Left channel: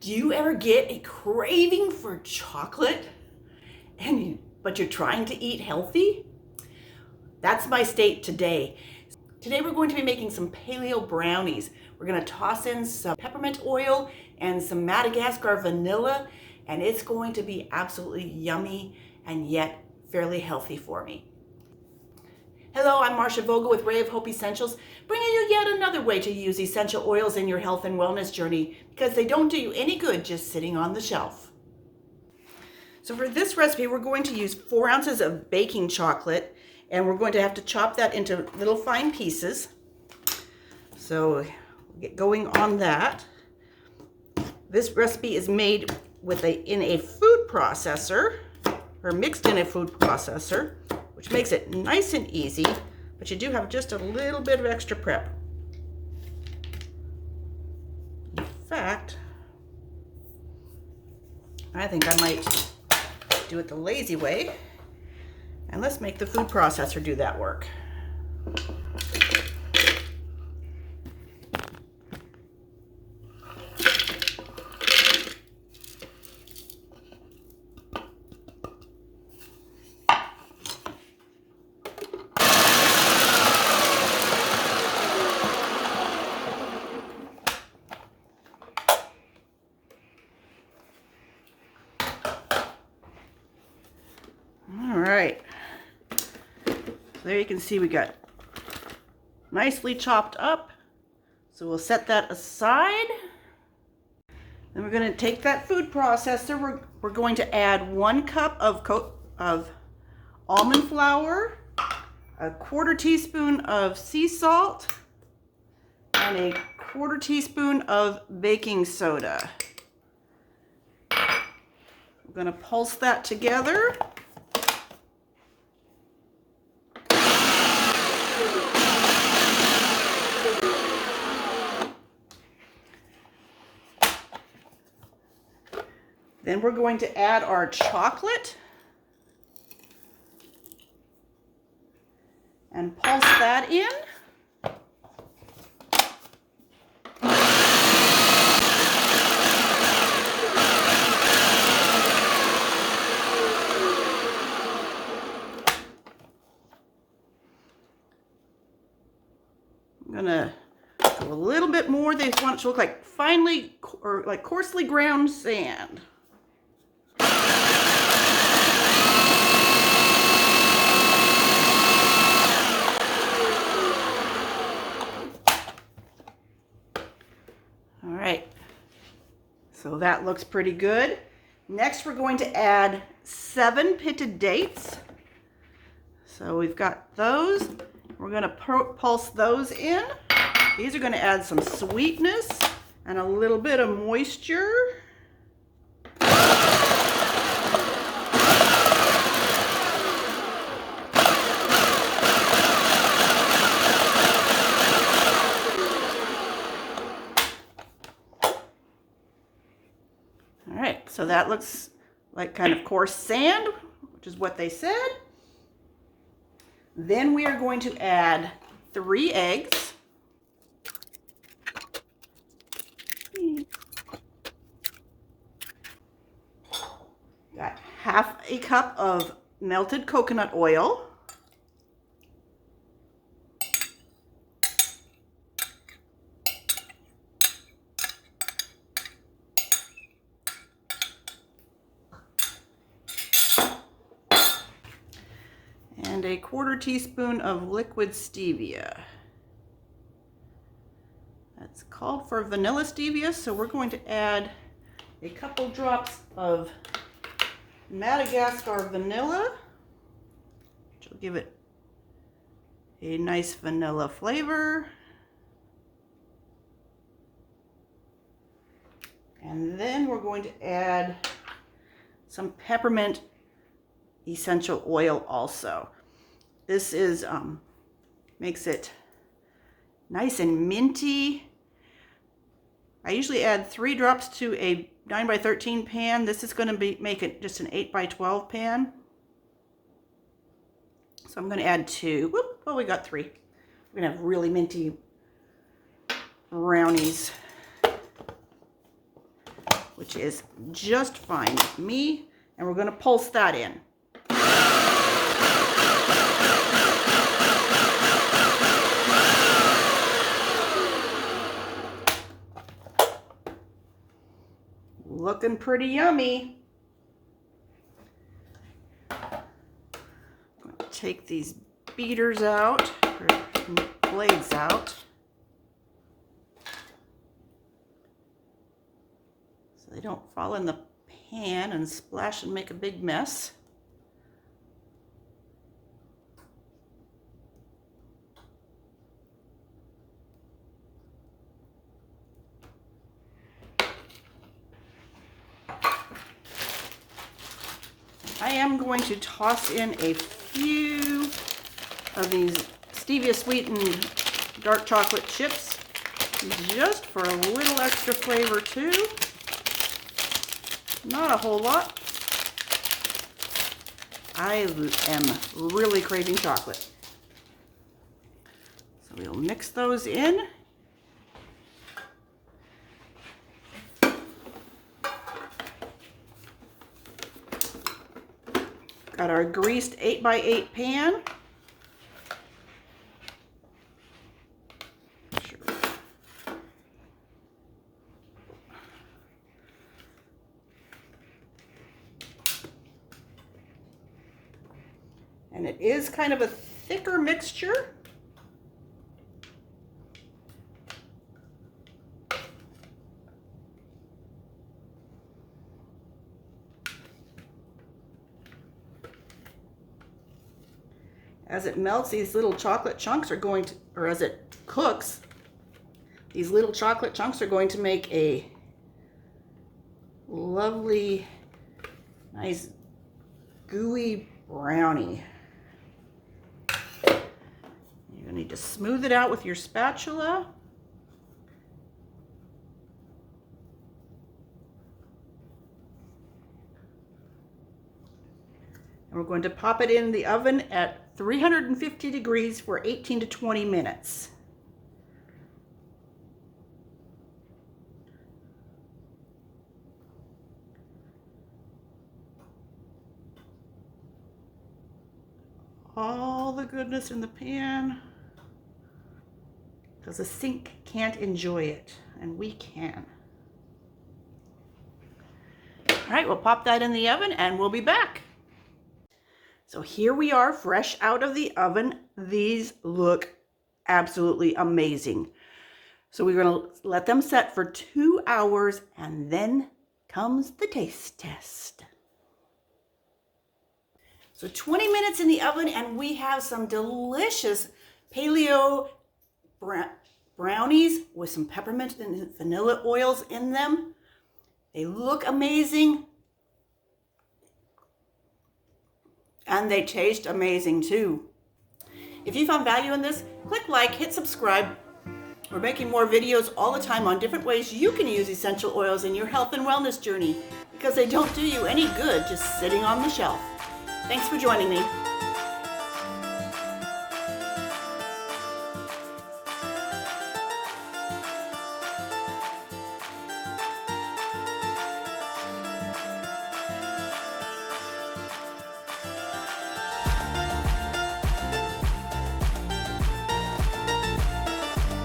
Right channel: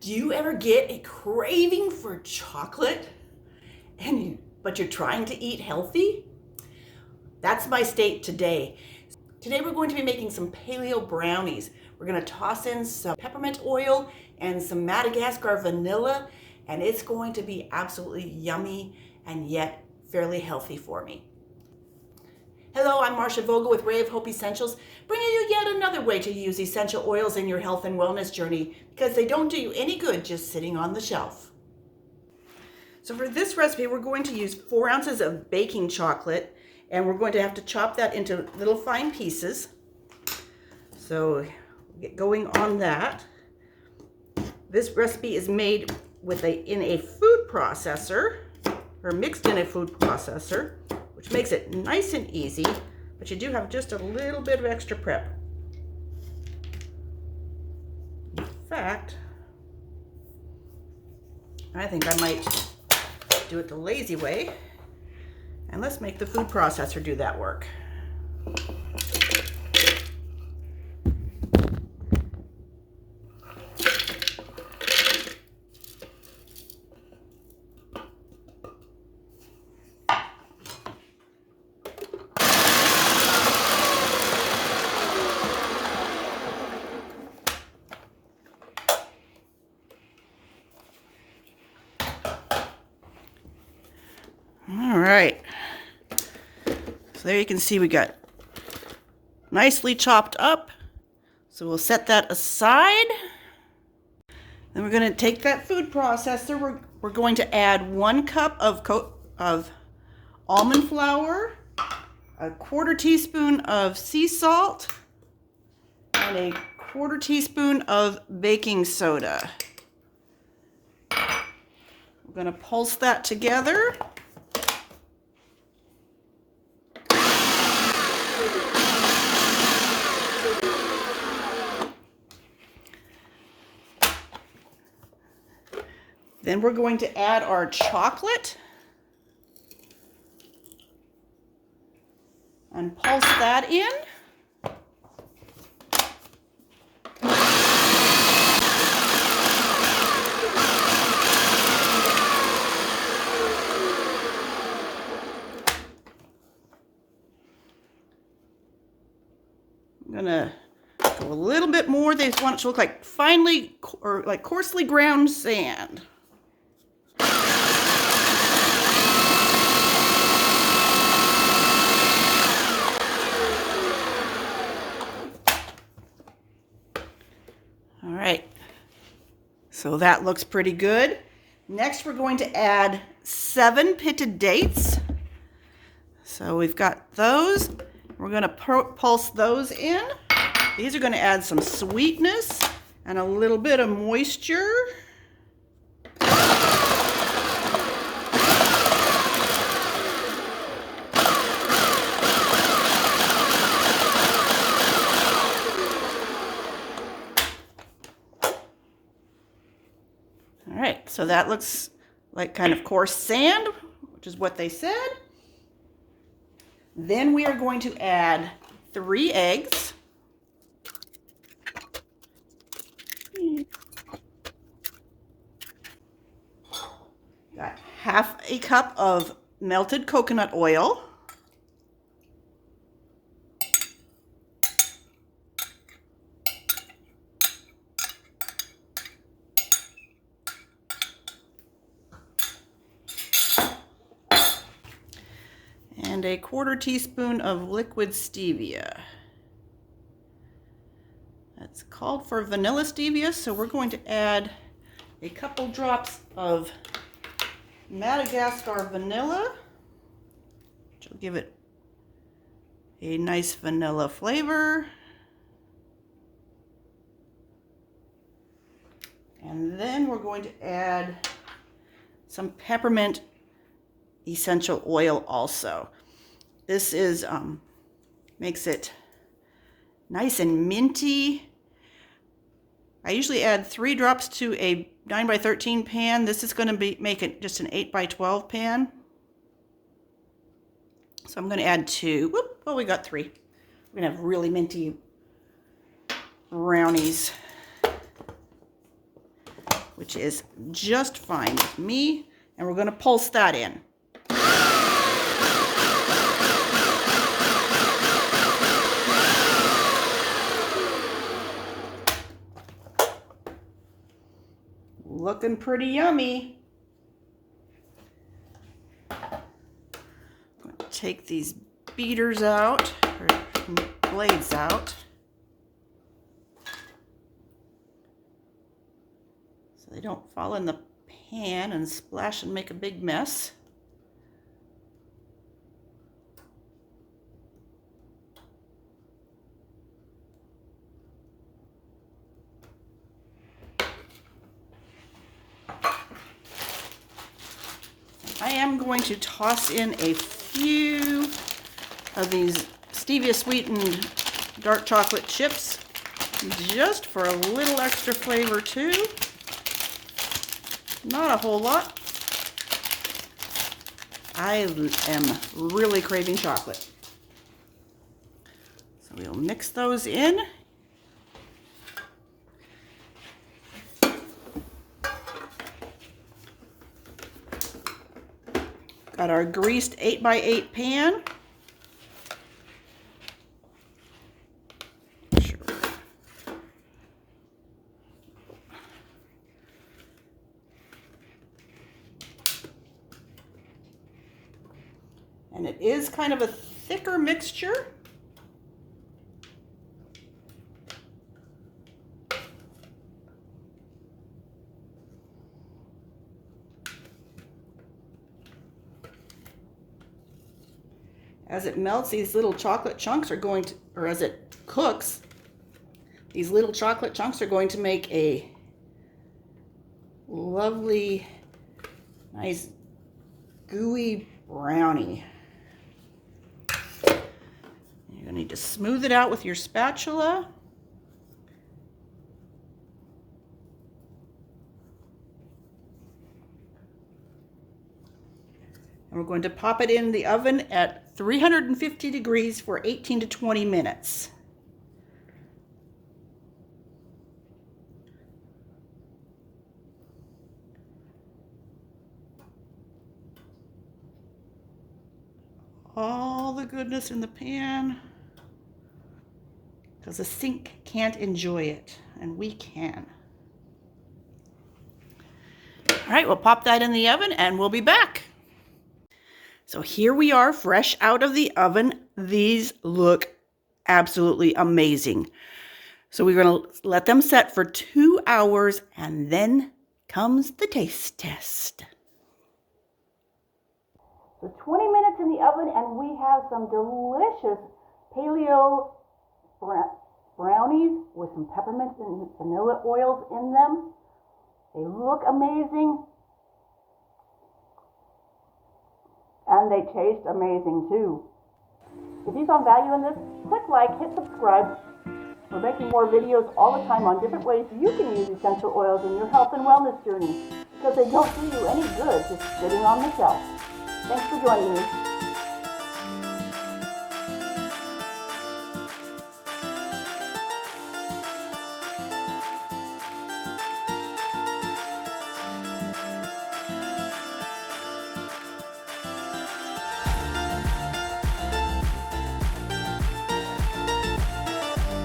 Do you ever get a craving for chocolate but you're trying to eat healthy? That's my state today. Today we're going to be making some paleo brownies. We're going to toss in some peppermint oil and some Madagascar vanilla, and it's going to be absolutely yummy and yet fairly healthy for me. Hello, I'm Marcia Vogel with Ray of Hope Essentials, bringing you yet another way to use essential oils in your health and wellness journey, because they don't do you any good just sitting on the shelf. So for this recipe, we're going to use 4 ounces of baking chocolate, and we're going to have to chop that into little fine pieces. So get going on that. This recipe is made in a food processor, or mixed in a food processor, which makes it nice and easy, but you do have just a little bit of extra prep. In fact, I think I might do it the lazy way, and let's make the food processor do that work. All right, so there you can see we got nicely chopped up. So we'll set that aside. Then we're going to take that food processor. We're going to add 1 cup of almond flour, a 1/4 teaspoon of sea salt, and a 1/4 teaspoon of baking soda. We're going to pulse that together. Then we're going to add our chocolate and pulse that in. I'm gonna do a little bit more. They want it to look like finely or like coarsely ground sand. All right, so that looks pretty good. Next, we're going to add 7 pitted dates. So we've got those. We're going to pulse those in. These are going to add some sweetness and a little bit of moisture. All right, so that looks like kind of coarse sand, which is what they said. Then we are going to add 3 eggs. Got 1/2 cup of melted coconut oil. And a 1/4 teaspoon of liquid stevia. That's called for vanilla stevia, so we're going to add a couple drops of Madagascar vanilla, which will give it a nice vanilla flavor. And then we're going to add some peppermint essential oil also. This is makes it nice and minty. I usually add 3 drops to a 9x13 pan. This is going to make it just an 8x12 pan. So I'm going to add 2. Well, we got 3. We're going to have really minty brownies which is just fine with me. And we're going to pulse that in. Looking pretty yummy. Take these beaters out, or blades out, so they don't fall in the pan and splash and make a big mess. I am going to toss in a few of these stevia sweetened dark chocolate chips just for a little extra flavor too. Not a whole lot. I am really craving chocolate. So we'll mix those in. Got our greased 8x8 pan. Sure. And it is kind of a thicker mixture. As it melts, these little chocolate chunks are going to, or as it cooks, these little chocolate chunks are going to make a lovely, nice, gooey brownie. You're going to need to smooth it out with your spatula. And we're going to pop it in the oven at 350 degrees for 18 to 20 minutes. All the goodness in the pan, because the sink can't enjoy it, and we can. All right, we'll pop that in the oven and we'll be back. So here we are, fresh out of the oven. These look absolutely amazing. So we're going to let them set for 2 hours, and then comes the taste test. So 20 minutes in the oven, and we have some delicious paleo brownies with some peppermint and vanilla oils in them. They look amazing. And they taste amazing too. If you found value in this, click like, hit subscribe. We're making more videos all the time on different ways you can use essential oils in your health and wellness journey, because they don't do you any good just sitting on the shelf. Thanks for joining me.